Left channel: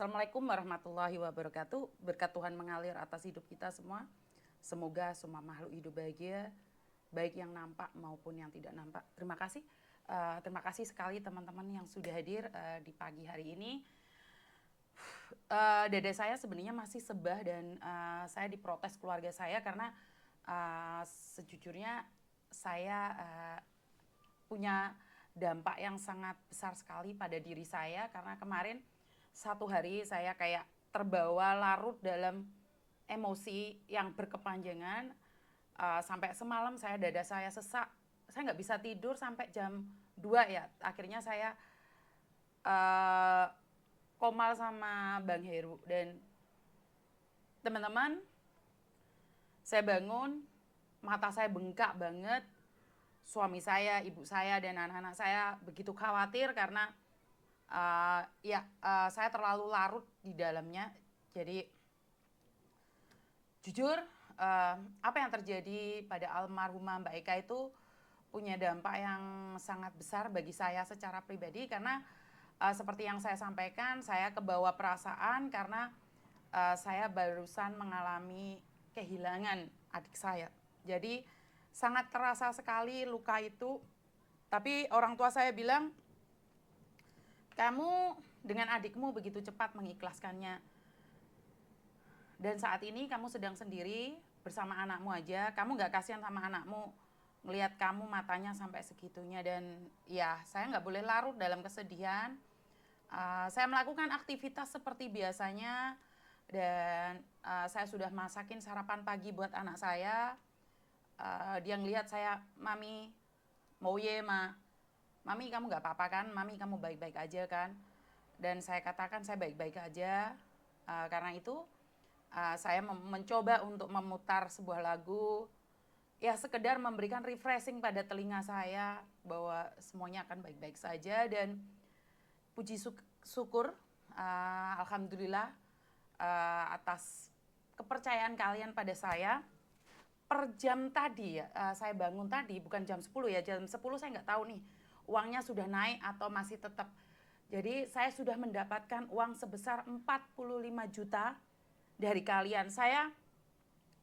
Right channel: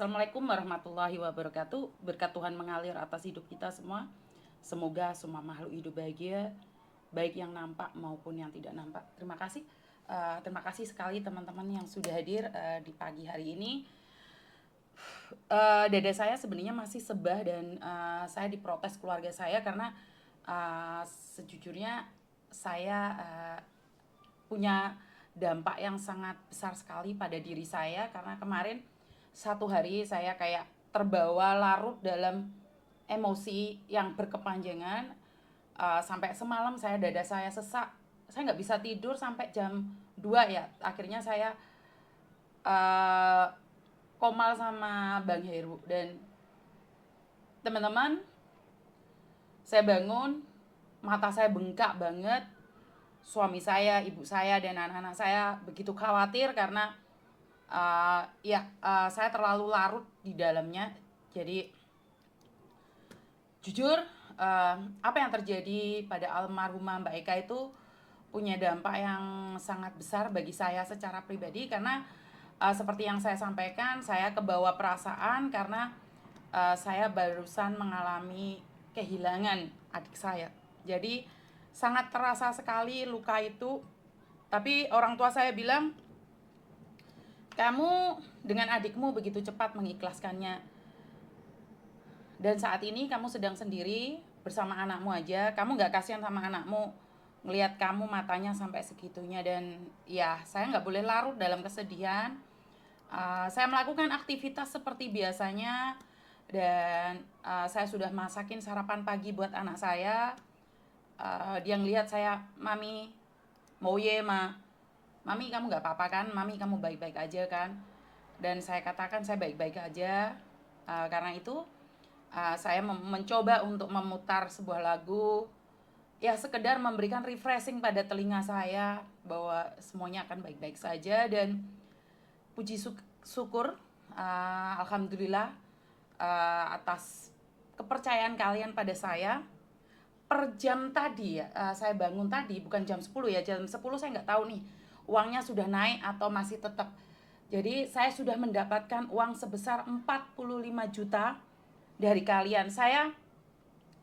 Assalamualaikum warahmatullahi wabarakatuh. Berkat Tuhan mengalir atas hidup kita semua. Semoga semua makhluk hidup bahagia, baik yang nampak maupun yang tidak nampak. Terima kasih. Terima kasih sekali teman-teman yang sudah hadir di pagi hari ini. Dada saya sebenarnya masih sebah dan saya diprotes keluarga saya karena sejujurnya saya punya dampak yang sangat besar sekali pada diri saya karena kemarin satu hari saya kayak terbawa larut dalam emosi yang berkepanjangan. Sampai semalam dada saya sesak, saya nggak bisa tidur sampai jam 2 ya, akhirnya saya uh, komal sama Bang Heru. Dan teman-teman, saya bangun, mata saya bengkak banget. Suami saya, ibu saya, dan anak-anak saya begitu khawatir karena saya terlalu larut di dalamnya. Jadi jujur, apa yang terjadi pada almarhumah Mbak Eka itu punya dampak yang sangat besar bagi saya secara pribadi karena seperti yang saya sampaikan, saya kebawa perasaan karena saya barusan mengalami kehilangan adik saya. Jadi sangat terasa sekali luka itu. Tapi orang tua saya bilang, kamu dengan adikmu begitu cepat mengikhlaskannya. Dan saat ini kamu sedang sendiri bersama anakmu aja. Kamu gak kasihan sama anakmu ngelihat kamu matanya sampai segitunya. Dan ya, saya gak boleh larut dalam kesedihan. Saya melakukan aktivitas seperti biasanya. Dan saya sudah masakin sarapan pagi buat anak saya. Dia ngelihat saya, mami mau ye ma, mami kamu gak apa-apa kan, mami kamu baik-baik aja kan. Dan saya katakan saya baik-baik aja. Karena itu saya mencoba untuk memutar sebuah lagu, ya sekedar memberikan refreshing pada telinga saya bahwa semuanya akan baik-baik saja. Dan puji syukur, alhamdulillah, atas kepercayaan kalian pada saya. Per jam tadi ya, saya bangun tadi bukan jam 10 ya, jam 10 saya nggak tahu nih uangnya sudah naik atau masih tetap. Jadi saya sudah mendapatkan uang sebesar 45 juta dari kalian.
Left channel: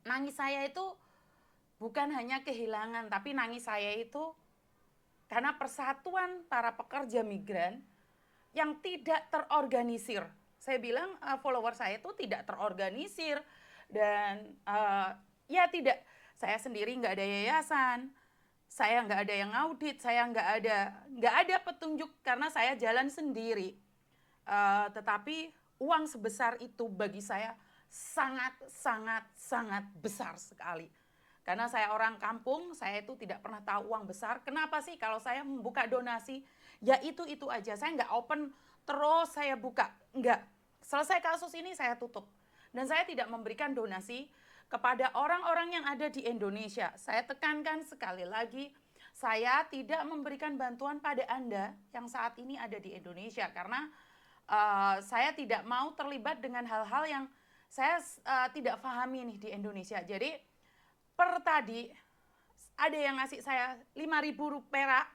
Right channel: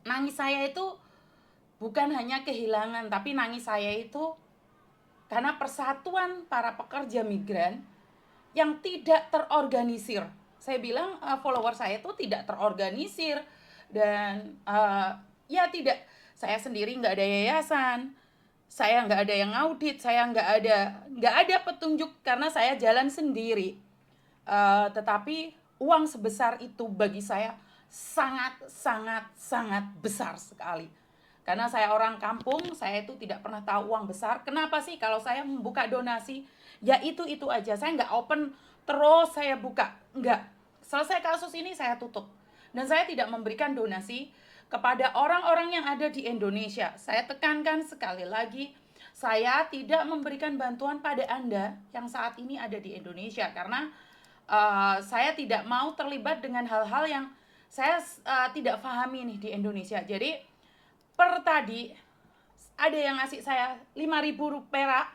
Nangis saya itu bukan hanya kehilangan, tapi nangis saya itu karena persatuan para pekerja migran yang tidak terorganisir. Saya bilang follower saya itu tidak terorganisir. Dan ya tidak, saya sendiri nggak ada yayasan, saya nggak ada yang audit, saya nggak ada petunjuk karena saya jalan sendiri. Tetapi uang sebesar itu bagi saya sangat sangat sangat besar sekali. Karena saya orang kampung, saya itu tidak pernah tahu uang besar. Kenapa sih kalau saya membuka donasi, ya itu aja. Saya nggak open terus saya buka, nggak. Selesai kasus ini saya tutup. Dan saya tidak memberikan donasi kepada orang-orang yang ada di Indonesia. Saya tekankan sekali lagi, saya tidak memberikan bantuan pada Anda yang saat ini ada di Indonesia. Karena saya tidak mau terlibat dengan hal-hal yang saya tidak pahami nih di Indonesia. Jadi per tadi ada yang ngasih saya 5.000 perak,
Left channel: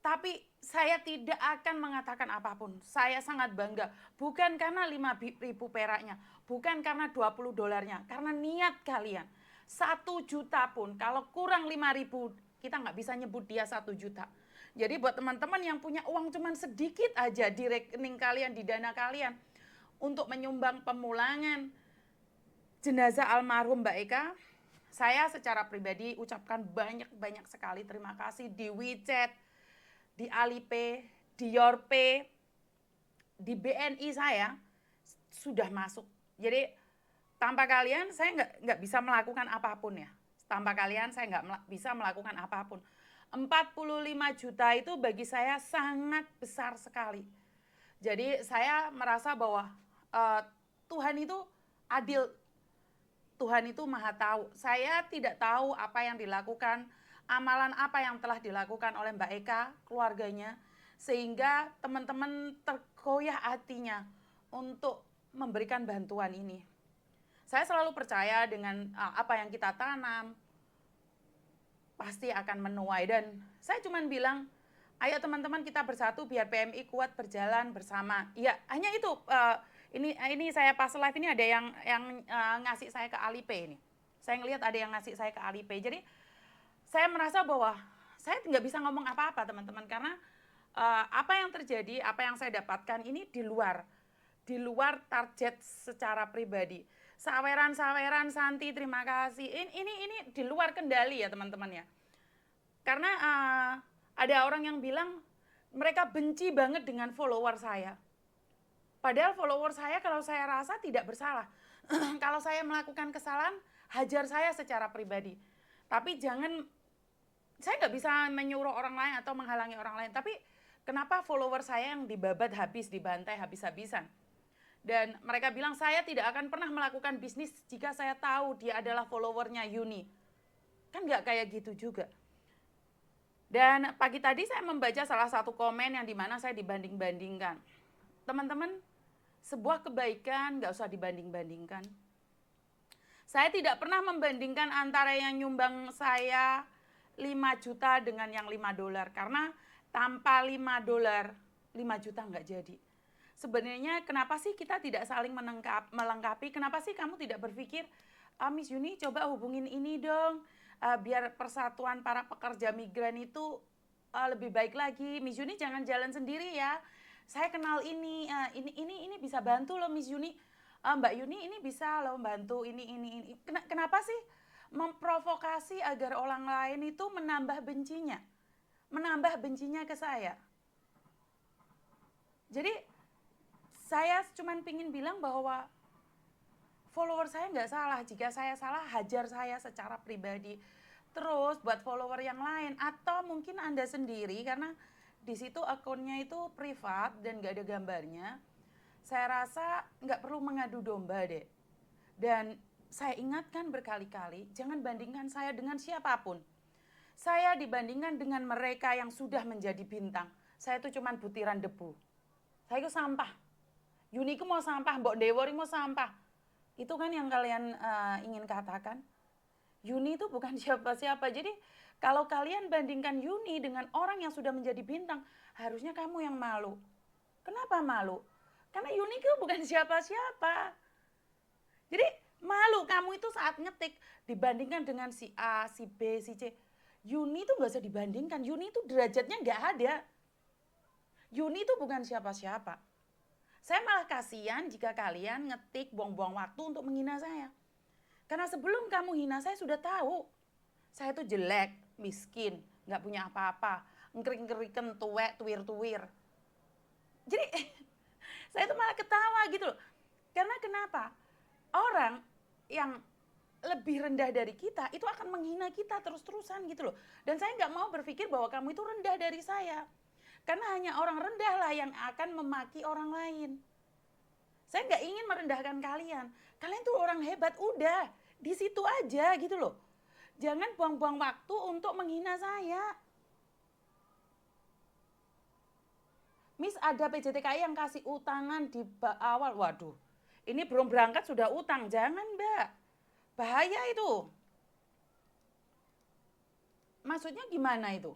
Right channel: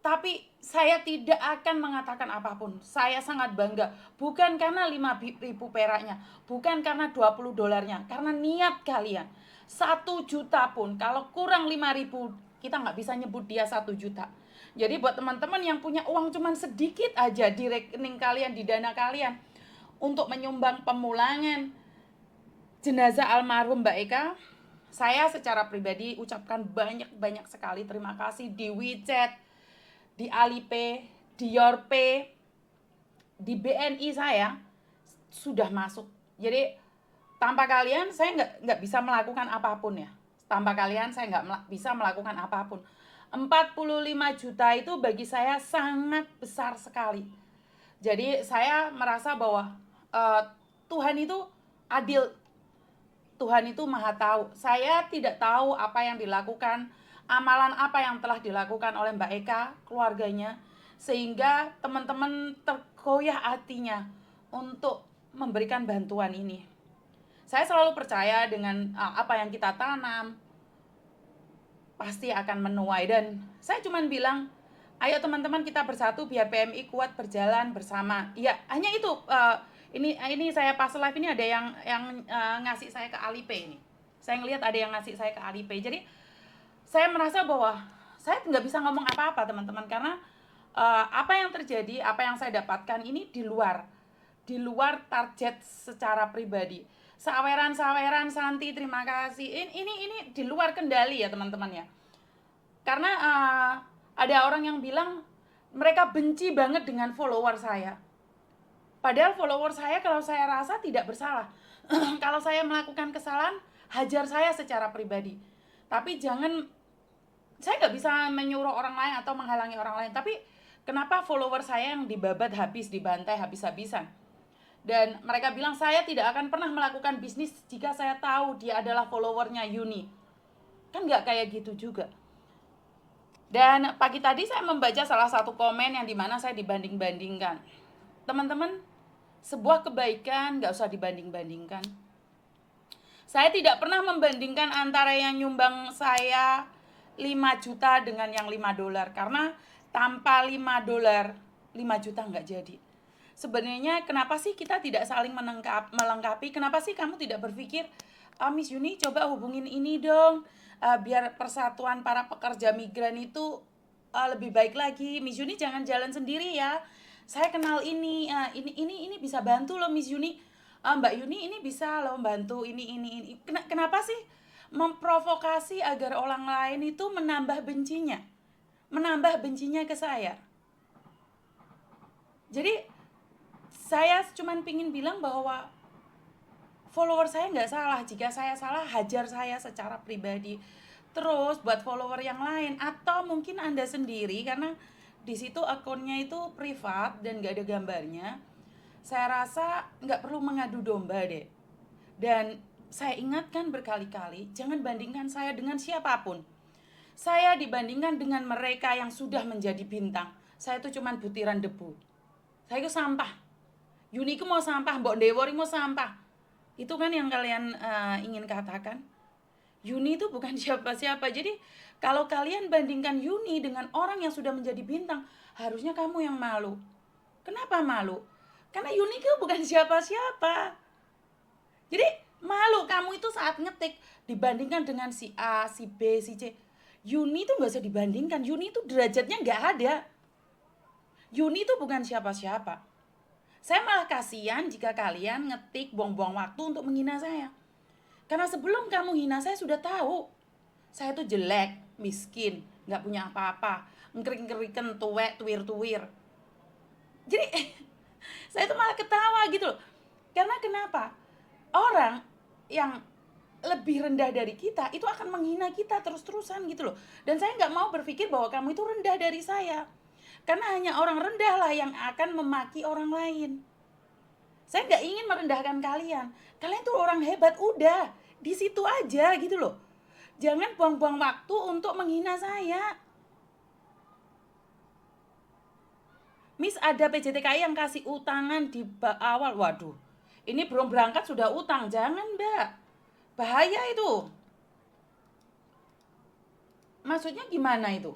tapi saya tidak akan mengatakan apapun. Saya sangat bangga, bukan karena 5.000 peraknya, bukan karena 20 dolarnya, karena niat kalian. 1 juta pun kalau kurang 5.000, kita nggak bisa nyebut dia 1 juta. Jadi buat teman-teman yang punya uang cuman sedikit aja di rekening kalian, di dana kalian, untuk menyumbang pemulangan jenazah almarhum Mbak Eka, saya secara pribadi ucapkan banyak-banyak sekali terima kasih di WeChat, di Alipay, di Yorpay, di BNI saya sudah masuk. Jadi tanpa kalian saya nggak bisa melakukan apapun ya. Tanpa kalian saya nggak bisa melakukan apapun. 45 juta itu bagi saya sangat besar sekali. Jadi saya merasa bahwa Tuhan itu adil. Tuhan itu maha tahu. Saya tidak tahu apa yang dilakukan, amalan apa yang telah dilakukan oleh Mbak Eka, keluarganya, sehingga teman-teman tergoyah hatinya untuk memberikan bantuan ini. Saya selalu percaya dengan apa yang kita tanam pasti akan menuai. Dan saya cuma bilang, ayo teman-teman kita bersatu biar PMI kuat berjalan bersama. Ya hanya itu Ini saya pas live ini ada yang ngasih saya ke Alipay nih. Saya ngelihat ada yang ngasih saya ke Alipay. Jadi saya merasa bahwa saya nggak bisa ngomong apa-apa teman-teman, karena apa yang terjadi, apa yang saya dapatkan ini di luar target secara pribadi. Saweran Santi, terima kasih. Ini di luar kendali ya teman-teman ya. Karena ada orang yang bilang mereka benci banget dengan follower saya. Padahal follower saya kalau saya rasa tidak bersalah. Kalau saya melakukan kesalahan, hajar saya secara pribadi. Tapi jangan, saya nggak bisa menyuruh orang lain atau menghalangi orang lain. Tapi kenapa follower saya yang dibabat habis, dibantai habis-habisan? Dan mereka bilang saya tidak akan pernah melakukan bisnis jika saya tahu dia adalah followernya Yuni. Kan nggak kayak gitu juga. Dan pagi tadi saya membaca salah satu komen yang dimana saya dibanding-bandingkan. Teman-teman, sebuah kebaikan nggak usah dibanding-bandingkan. Saya tidak pernah membandingkan antara yang nyumbang saya 5 juta dengan yang 5 dolar. Karena tanpa 5 dolar, 5 juta nggak jadi. Sebenarnya kenapa sih kita tidak saling melengkapi? Kenapa sih kamu tidak berpikir, Miss Yuni coba hubungin ini dong, biar persatuan para pekerja migran itu lebih baik lagi. Miss Yuni jangan jalan sendiri ya. Saya kenal ini bisa bantu loh Miss Yuni. Mbak Yuni ini bisa loh bantu ini. Kenapa sih memprovokasi agar orang lain itu menambah bencinya ke saya? Jadi saya cuman pingin bilang bahwa follower saya nggak salah. Jika saya salah, hajar saya secara pribadi. Terus buat follower yang lain, atau mungkin Anda sendiri, karena di situ akunnya itu privat dan nggak ada gambarnya, saya rasa nggak perlu mengadu domba deh. Dan saya ingatkan berkali-kali, jangan bandingkan saya dengan siapapun. Saya dibandingkan dengan mereka yang sudah menjadi bintang. Saya itu cuman butiran debu. Saya itu sampah. Yuni itu mau sampah, Mbok Dewori mau sampah. Itu kan yang kalian ingin katakan. Yuni itu bukan siapa-siapa. Jadi kalau kalian bandingkan Yuni dengan orang yang sudah menjadi bintang, harusnya kamu yang malu. Kenapa malu? Karena Yuni itu bukan siapa-siapa. Jadi malu kamu itu saat ngetik dibandingkan dengan si A, si B, si C. Yuni itu gak usah dibandingkan. Yuni itu derajatnya gak ada. Yuni itu bukan siapa-siapa. Saya malah kasihan jika kalian ngetik buang-buang waktu untuk menghina saya. Karena sebelum kamu hina saya sudah tahu. Saya tuh jelek, miskin, gak punya apa-apa, ngering-ngerikan, tuwek, tuwir-tuwir. Jadi saya tuh malah ketawa gitu loh. Karena kenapa? Orang yang lebih rendah dari kita itu akan menghina kita terus-terusan gitu loh. Dan saya gak mau berpikir bahwa kamu itu rendah dari saya. Karena hanya orang rendah lah yang akan memaki orang lain. Saya nggak ingin merendahkan kalian. Kalian tuh orang hebat, udah. Di situ aja gitu loh. Jangan buang-buang waktu untuk menghina saya. Miss, ada PJTKI yang kasih utangan di awal. Waduh, ini belum berangkat sudah utang. Jangan, Mbak. Bahaya itu. Maksudnya gimana itu?